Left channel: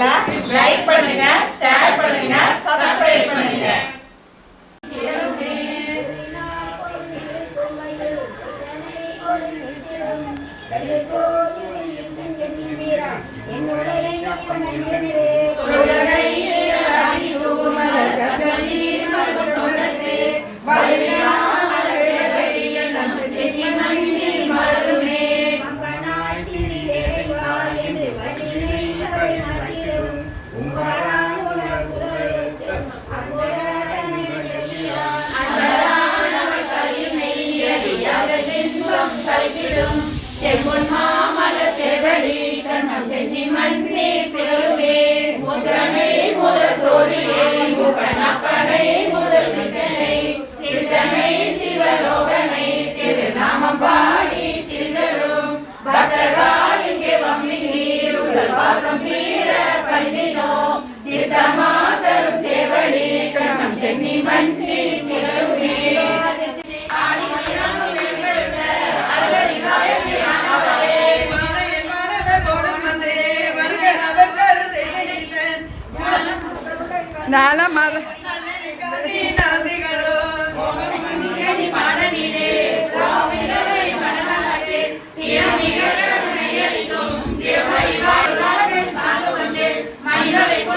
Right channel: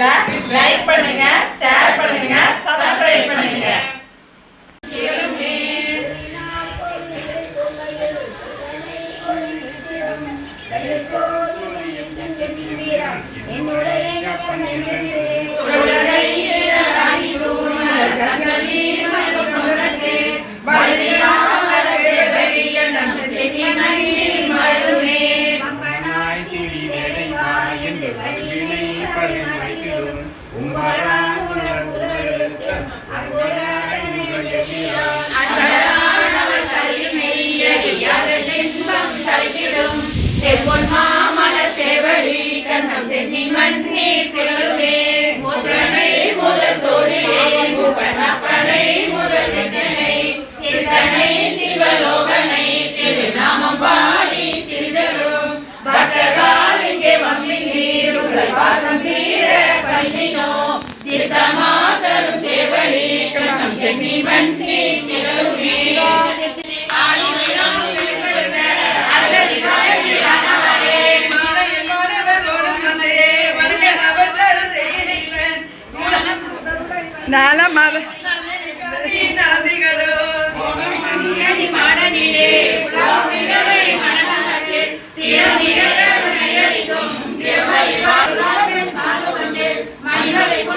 là lấy நலமத வேடுருவாகி மகேந்திரத்தில் மிக கண்ணம் சென்னி தன்னை தேட இருந்த சிவபெருமான்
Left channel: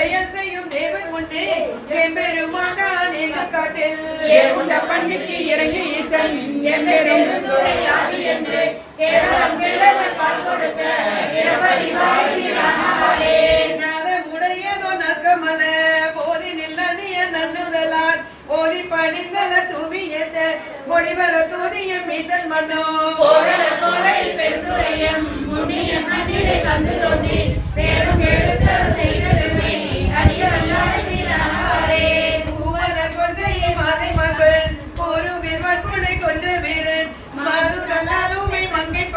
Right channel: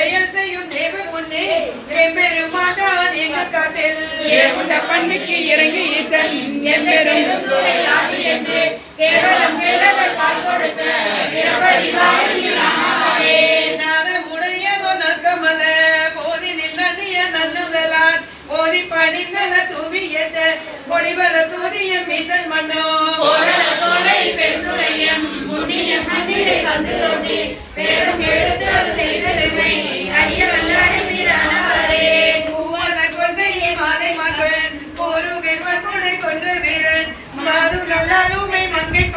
செயல் செய்யும் தேவன் முன்னே எம்பெருமான் எங்கள் காட்டில். உண்ட பன்னிக்கு இறங்கி ஈசன். எம்பெரும் நாதமுடையதோ நற்கமல போதி நில்லணிய நல்லுதலான் போதி பணிந்தல தூவியத்த பொடிபல சூரிய மீசன் மன்னோ.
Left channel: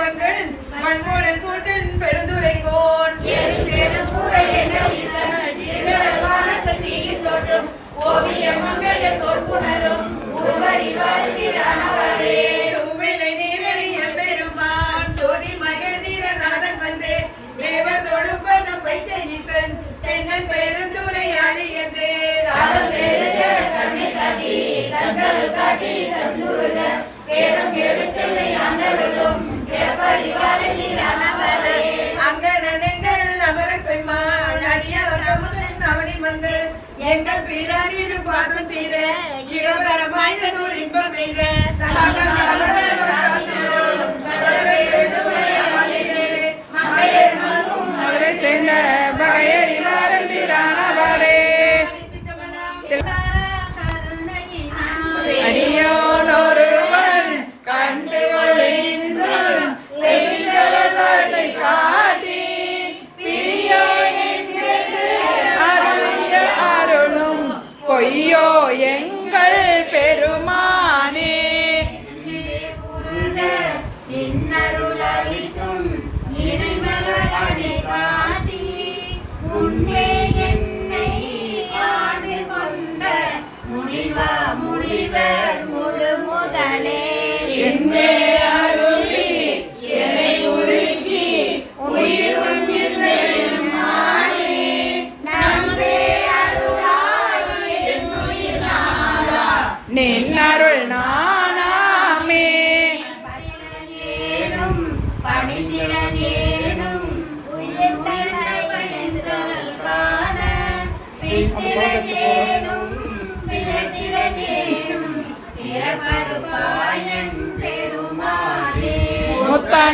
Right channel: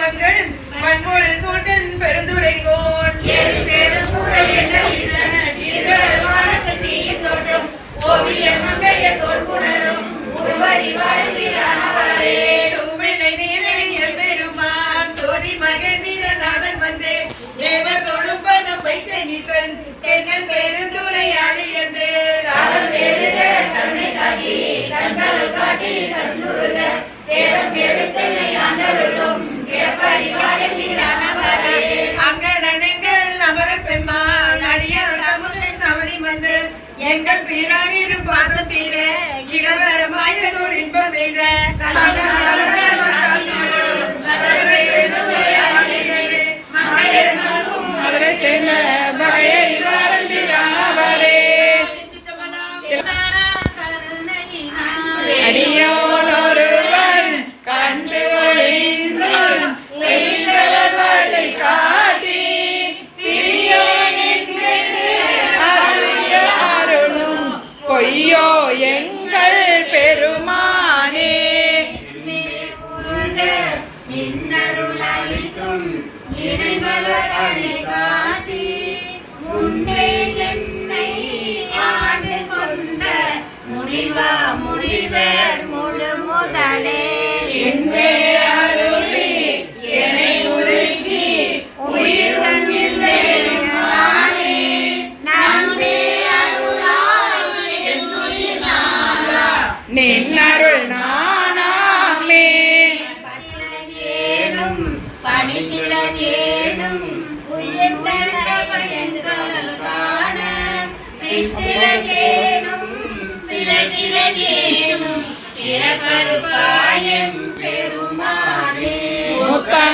மங்கை பங்கன் மண்போடு சூழ்டன் பெருந்துரை கோன் தூவிலை நீரணி எம்பெருமான் ஜோதி மகேந்திரநாதன் வந்தே. தேவர் தொழும்பதம் வைத்த ஈசன் தென்னன் பெருந்துரை ஆளி என்று. அங்கனங்கள் அமரர் பெம்மாள் அடியார் அமுதன் அவனி வந்து எங்கள் பிராணிரும் பாசம் தீர இரவரமாயதோர் இன்பம் எய்த மதுரை சேர்ந்த Viva Muribe.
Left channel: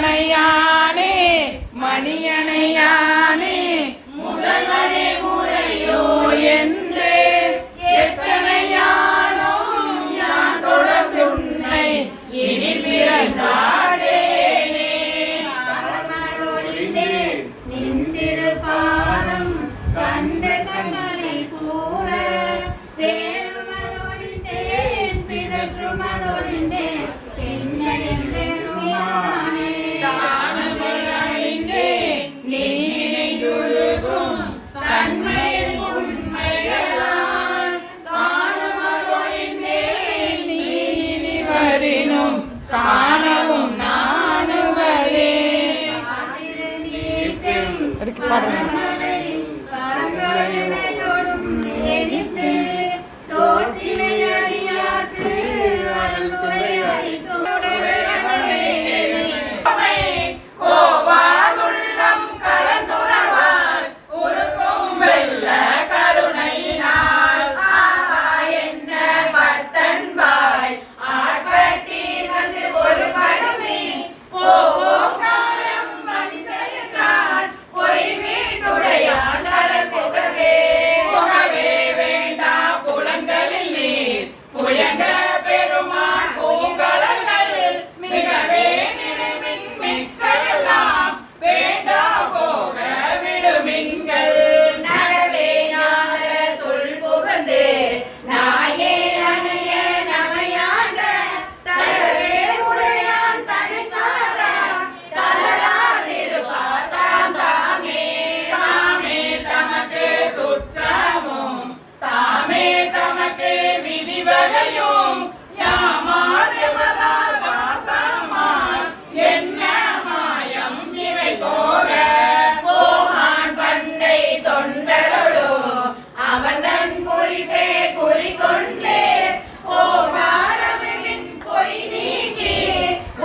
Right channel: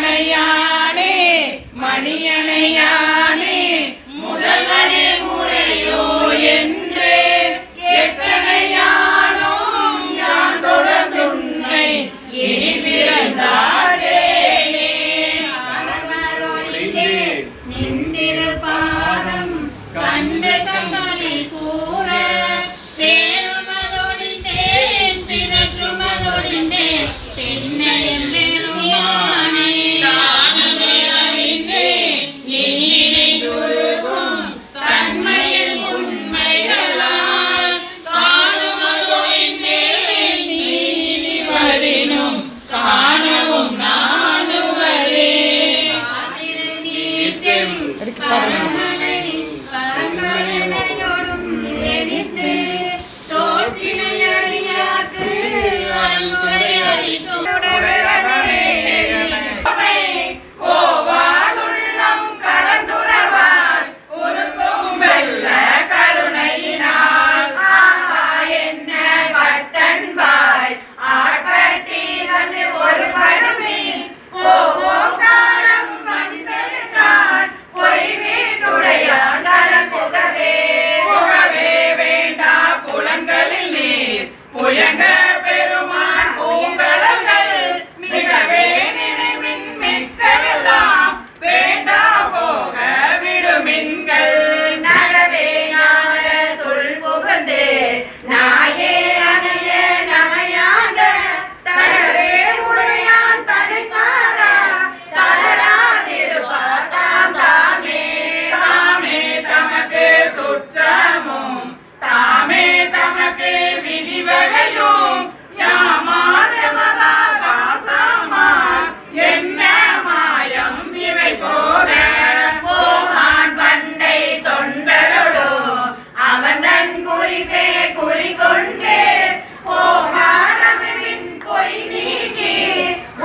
மணியணையானே மணியணையானே முதல்வனே முறையோ என்றே. எத்தனையானோம் யான் தொடர்ந்துன்னை இனி பிறந்தாடேனே நின்றிரு பாதம் கண்டு கண்ணனை கூற. குறிப்பே குறிக்கொண்டே. ஓமாரமின் பொய் நீக்கி.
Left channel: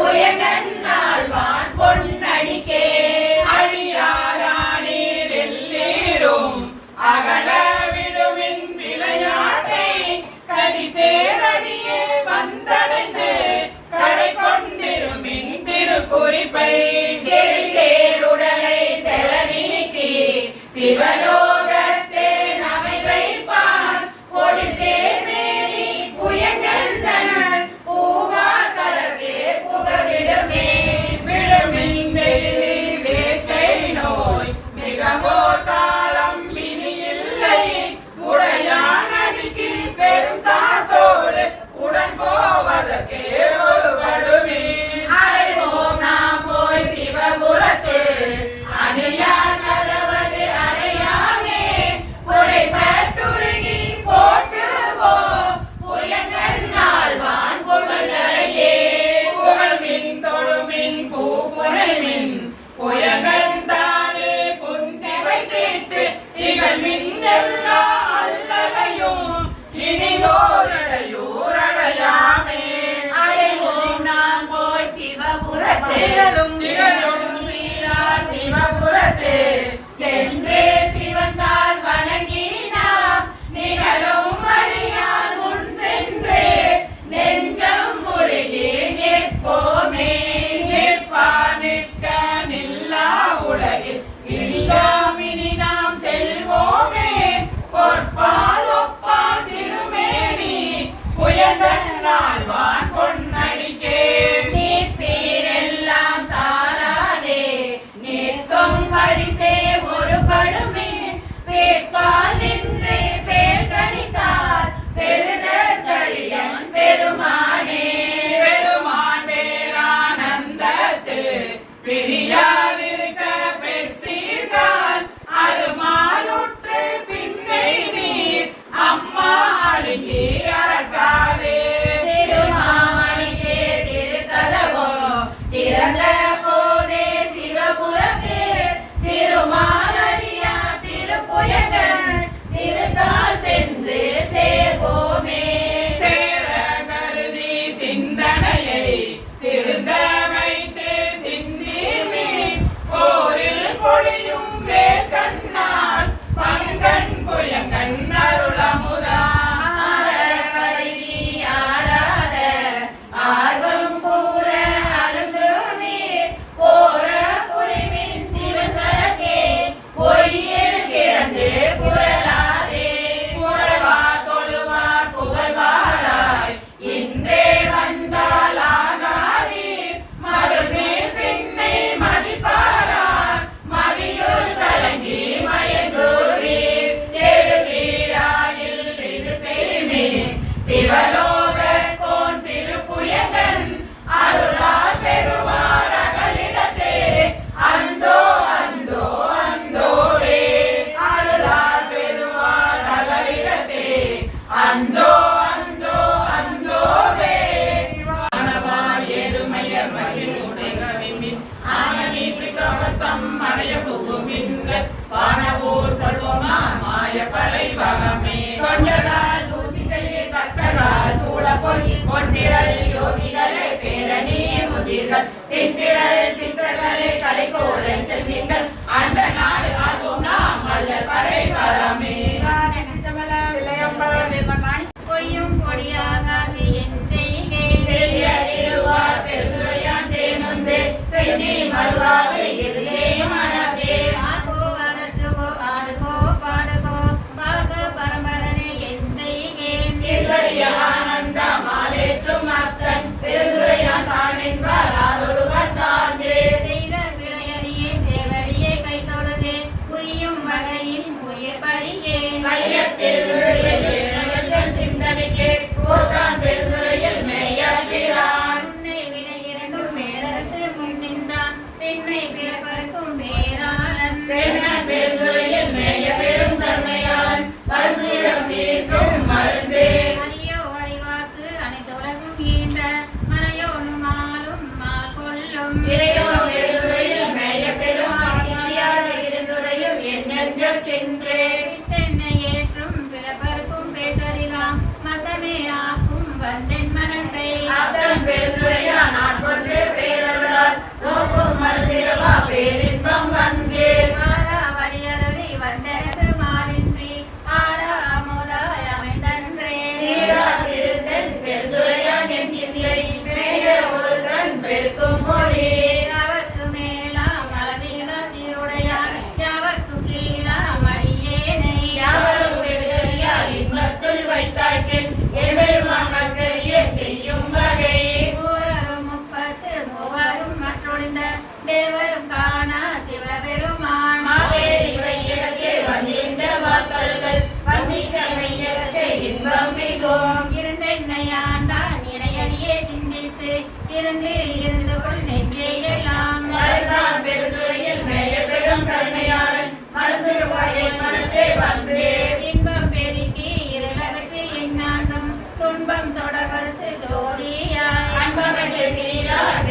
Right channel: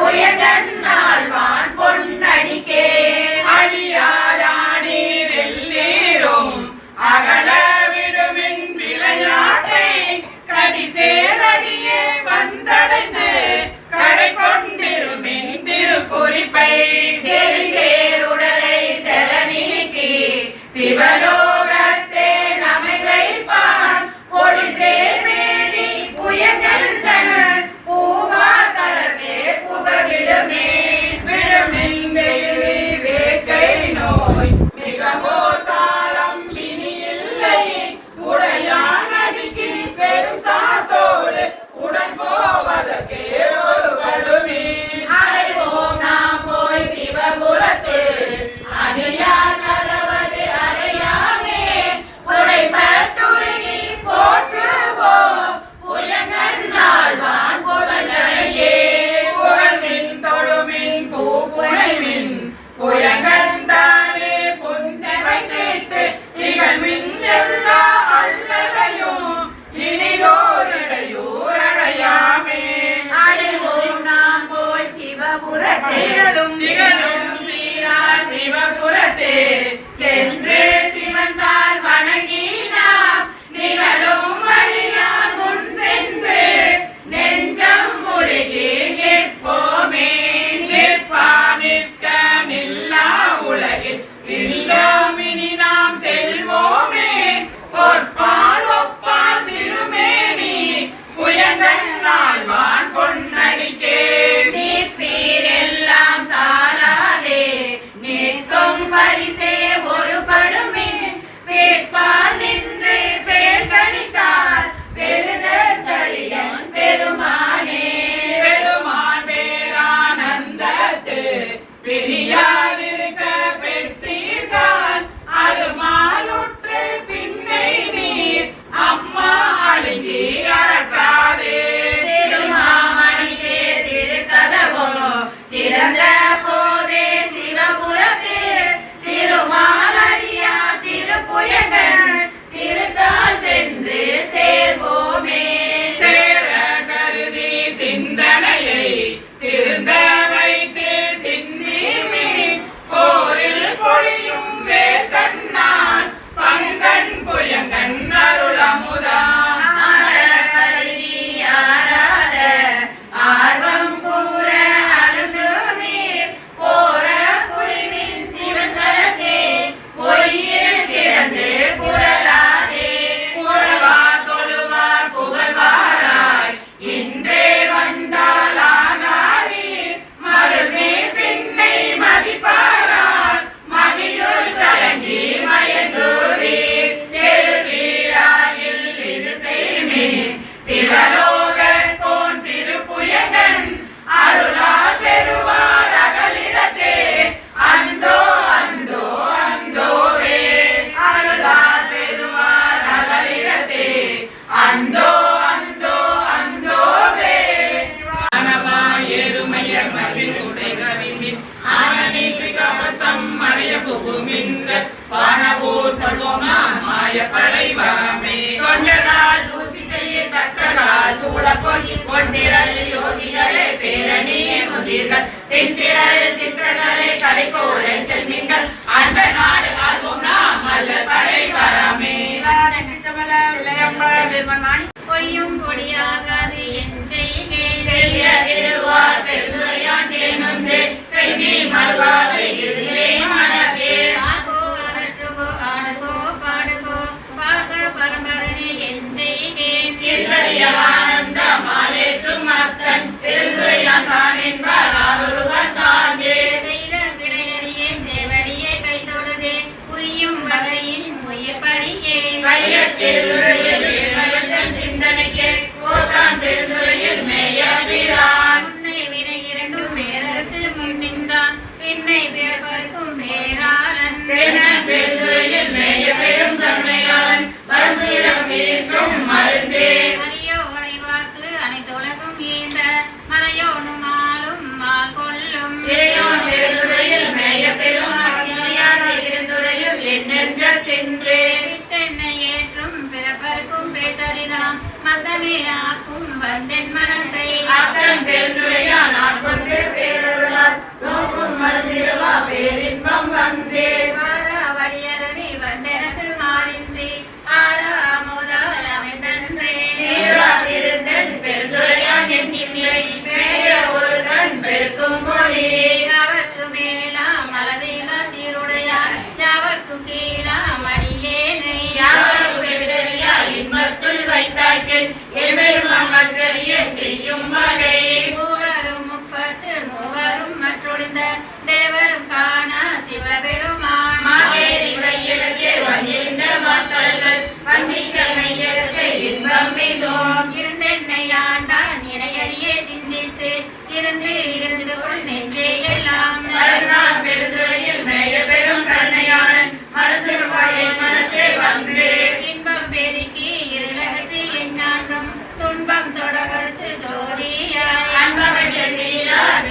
உயகன்னால் வான் பொன்னடிக்கே. அழியாராணீரெல்லீரும் அகல விடுவின் விளையாட்டை. கடி சேரடியே வந்தடைந்து கடை கொண்டிருமின் திருக்குறிப்பை. செய்தி மறுவாது இருளே மனதே ஆகோ அரற்றுகோ ஆடுகோ பாடுகோ பார்க்க பரம்பரனே என் செய்கேன் இருவரிய ஆனந்த மாலேற்றும் அத்தன் பெருந்துரையான் தான் என்பார் ஆரொருவர் தாண்டே செய்த விளையறியே சேவடியே கை தொழுதே உய்யும் வகையின் உயிர் பறியே மையத்தில் உரையில் இளவரசன் சிந்தனைக்கு. கோட்டான் பெருந்துரையில் நோக்கும் மருந்திரவா பேரின்பம் வந்தே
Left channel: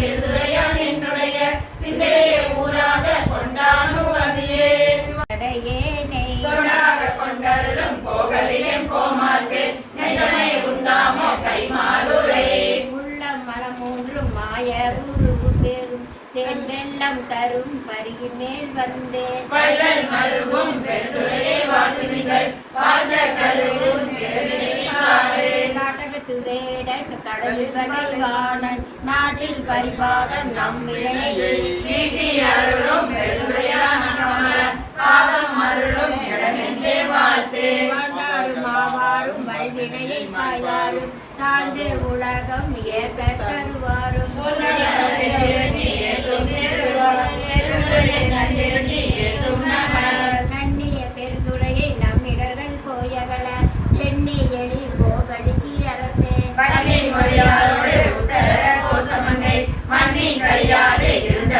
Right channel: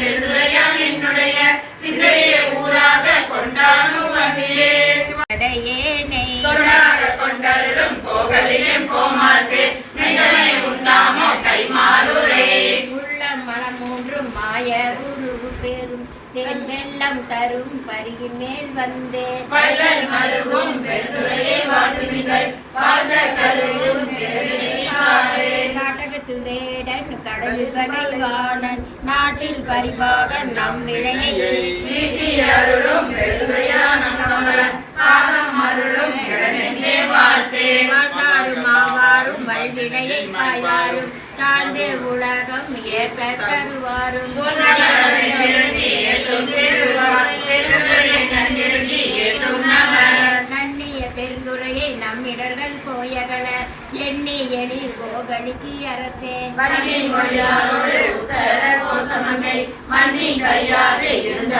பெருந்துரையான் என்னுடைய சிந்தையை ஊராக கொண்டானு வந்தியே தொண்டாக கொண்டருளும் கோகலியம் கோமார்க்கு நெஞ்சமே உண்டாமோ கைமாறுரே. மேல் வந்தே வள்ளல் மருகும் பெருந்துரையை வாழ்த்துமிகள் வாழ்ந்த கருவும் பெருகினாரே நாட்டகத்து வேடன் கடலில் வகைவாணன் நாட்டில் பரிபாகன் நம் வினையை நீதி அருளும் பெருந்துரையான பாதம் அருளும் கடனெங்கே வாழ்த்தே. தாழ்ந்தே உலகம் ஏற்ப தருவாரும். சொன்னவரை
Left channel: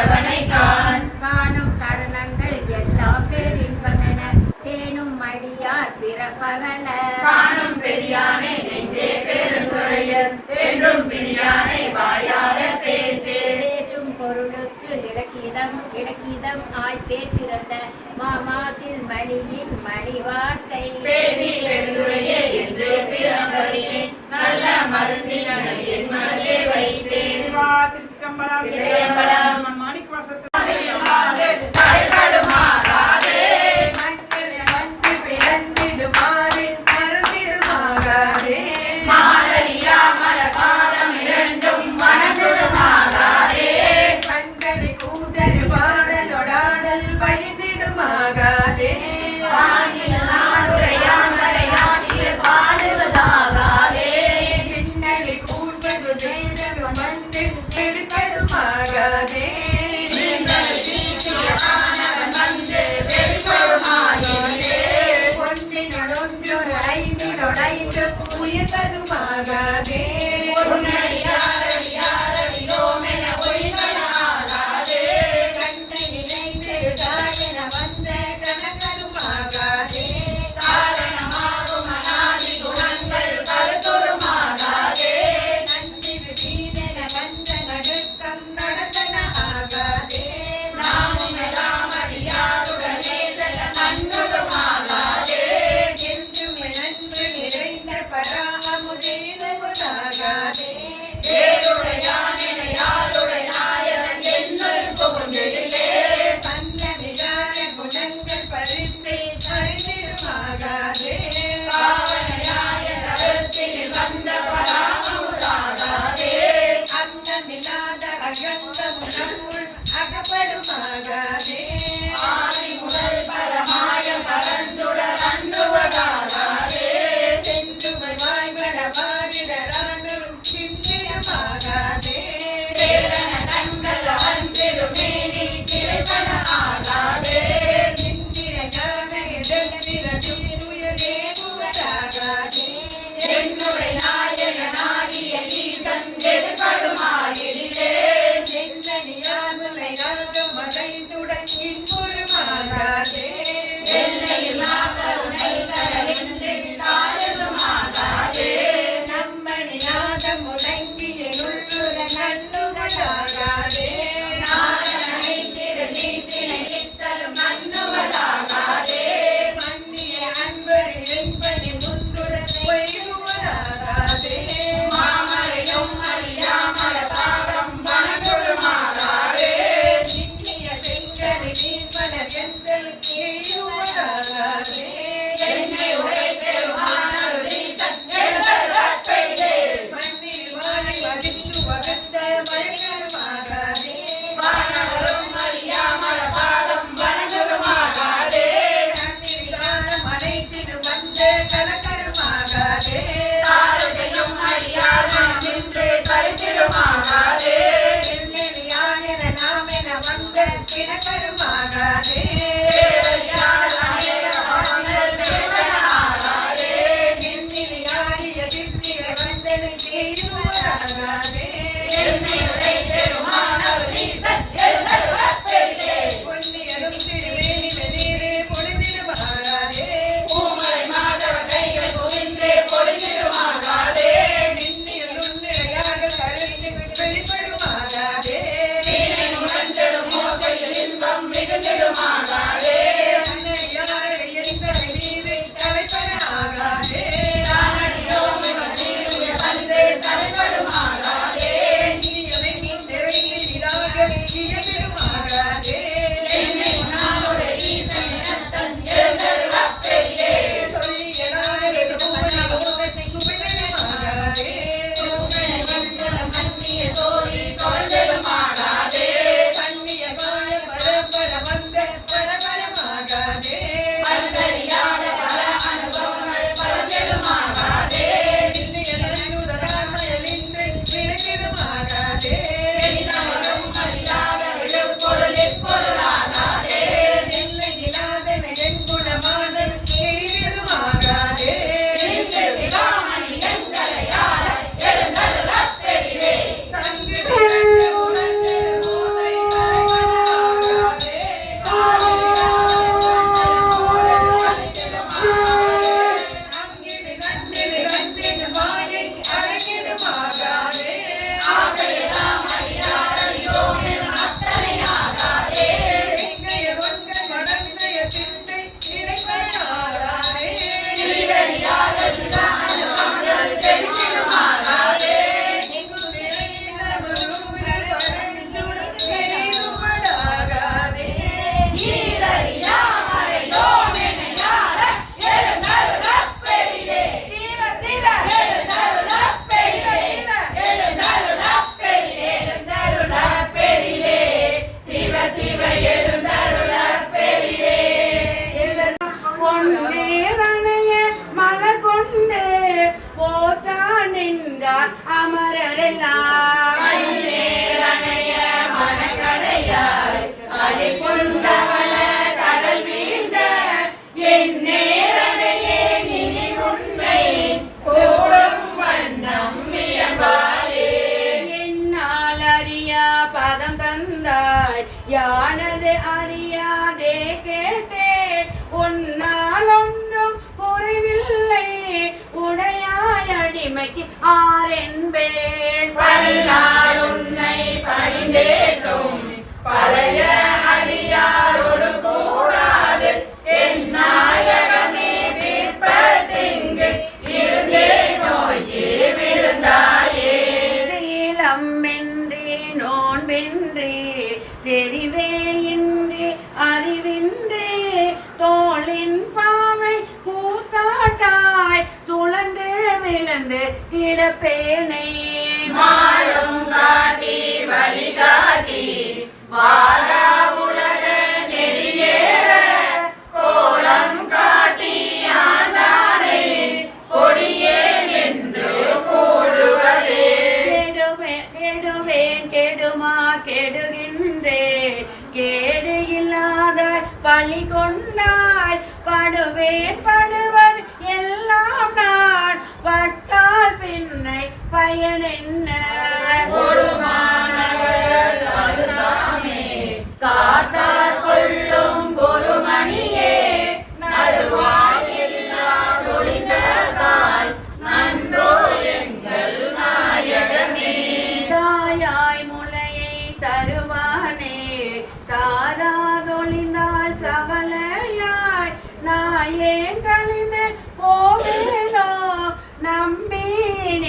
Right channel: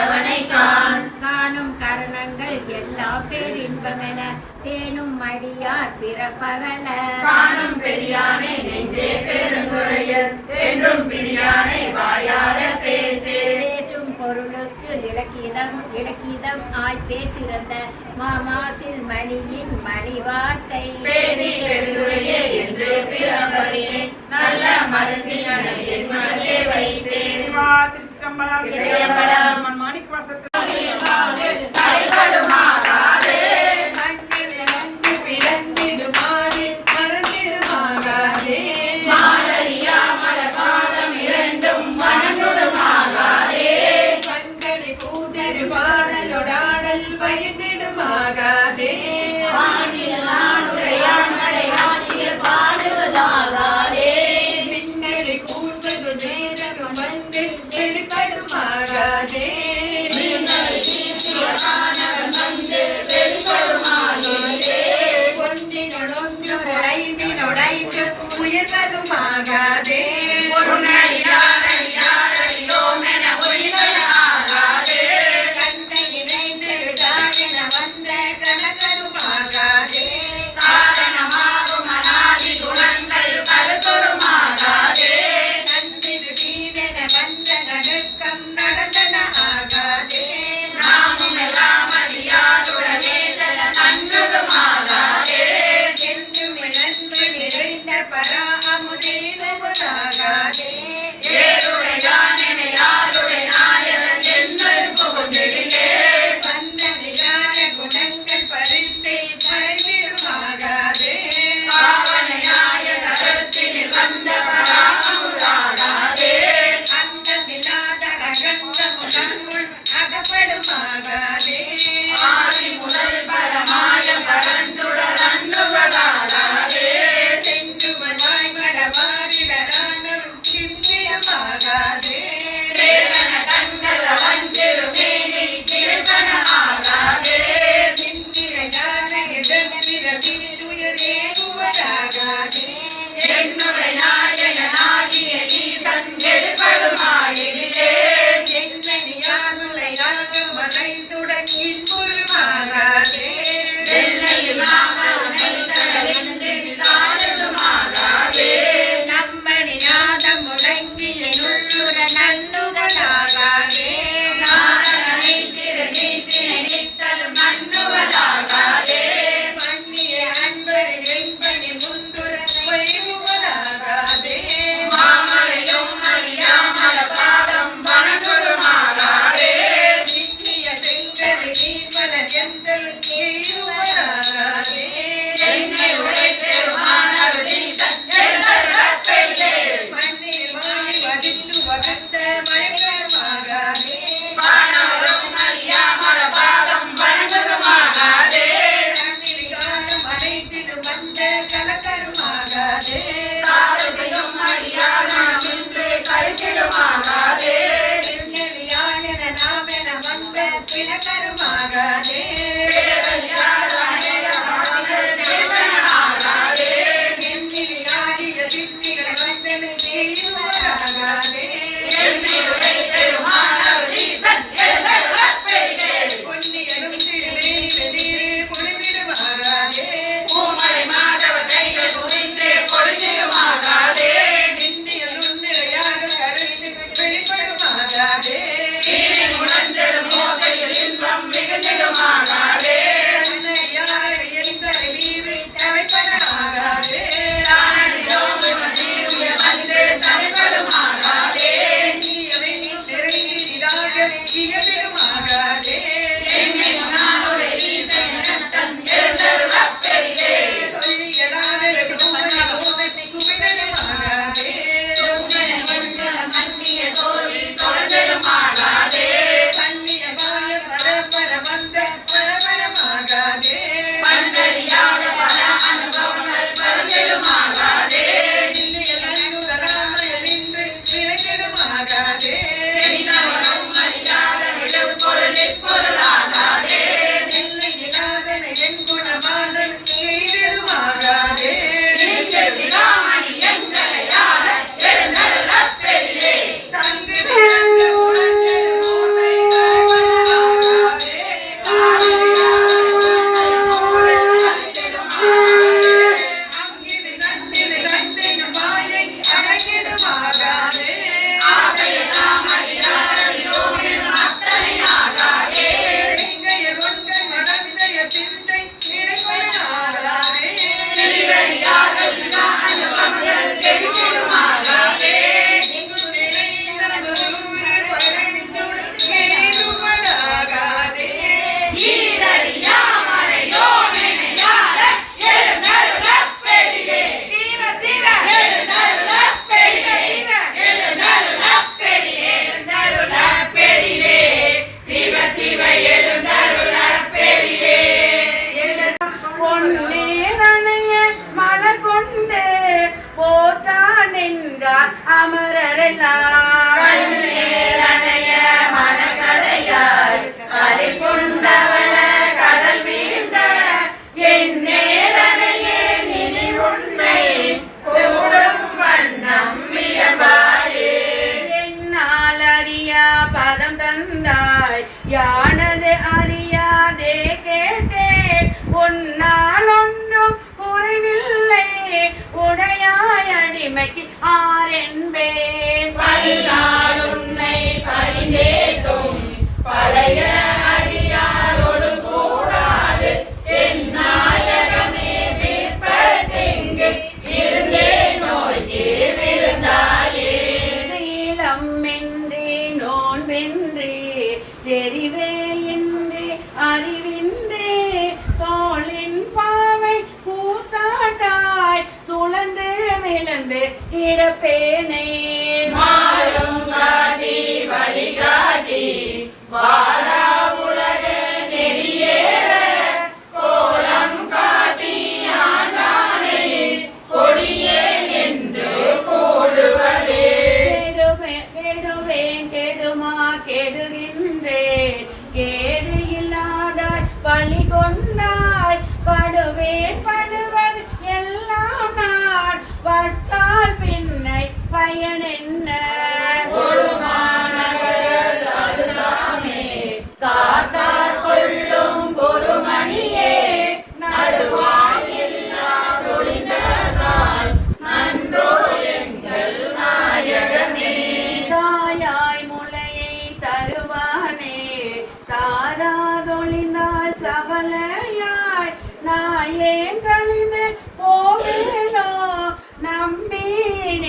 இருந்தவனை காண் காணும் கரணங்கள் எல்லா பேரின்பமென. தேனும் மடியார் பிறப்பரல காணும் பெரியானை நெஞ்சே பெருந்துரையர் என்றும் பிரியானை வாயார பேசே பேசும் பொருளுக்கு இலக்கிதம் இலக்கிதம் ஆய் பேற்றிருந்த மாமாற்றில் மணியின் மணி வார்த்தை பேசி பெருந்துரையே என்று பிறந்தறினேன் நல்ல மருந்தின் மனதே வைத்தேன். இதயம்பலம் தடைபடுமாகாதே When I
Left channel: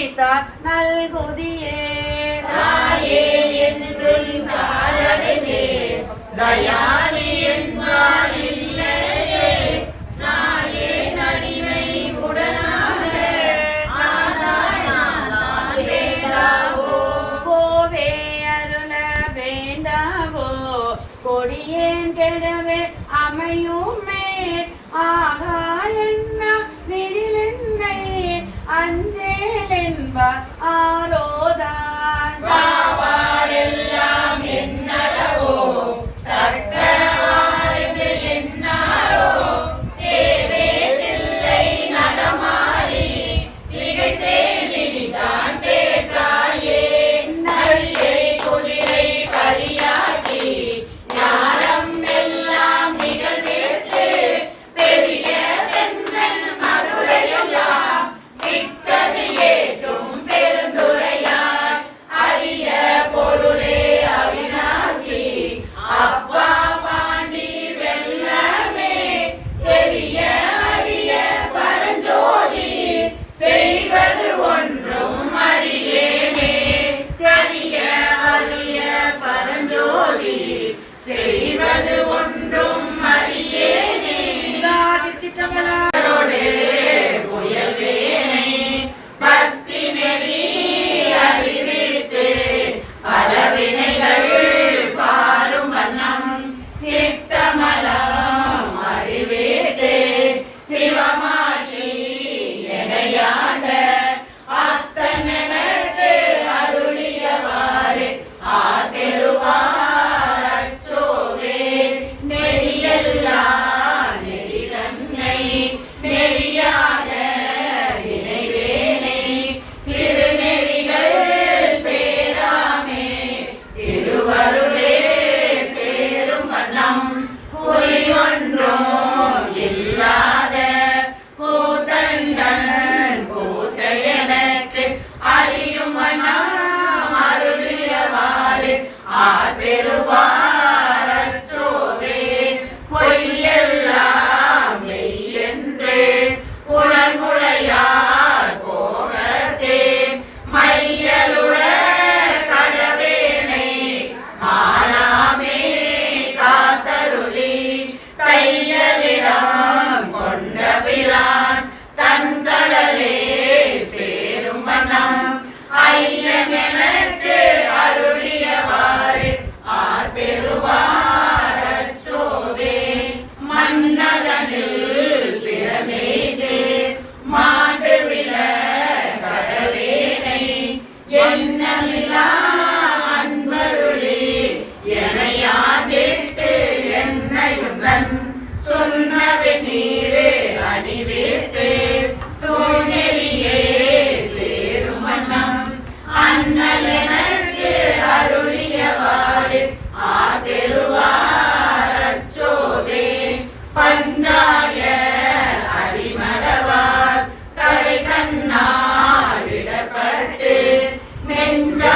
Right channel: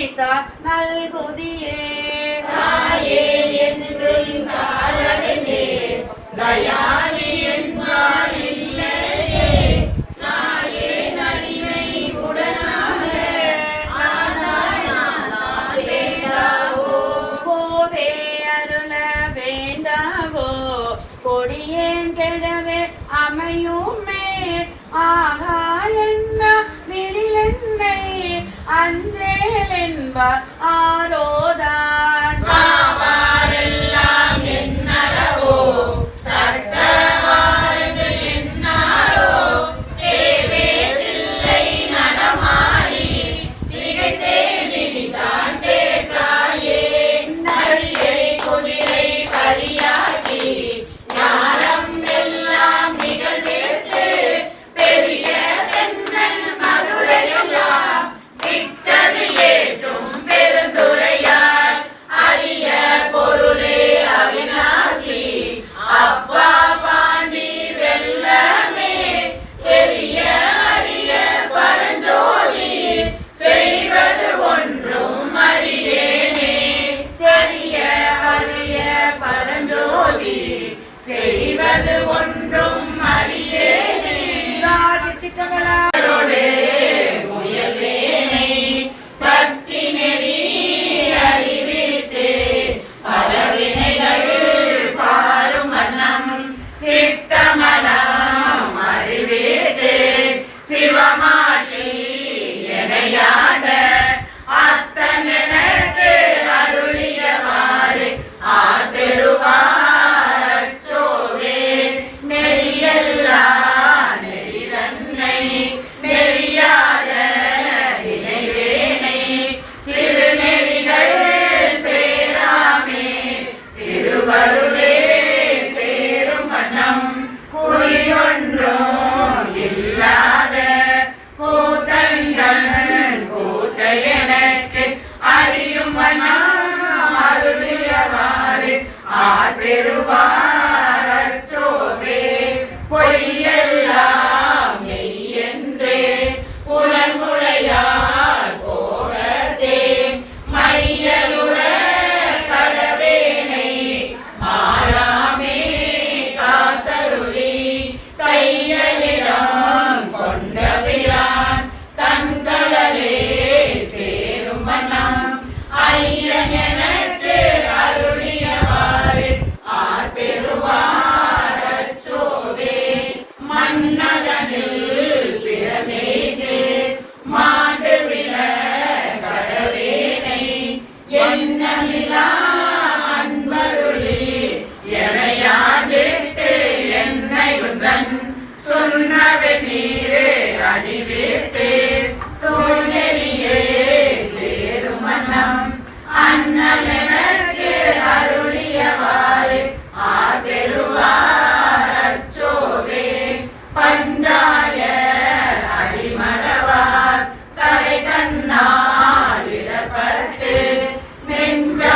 நினைத்தார் நல்குதியே. தாயே என்றும் தாழடனே தயாளி Navidad. நெஞ்சாய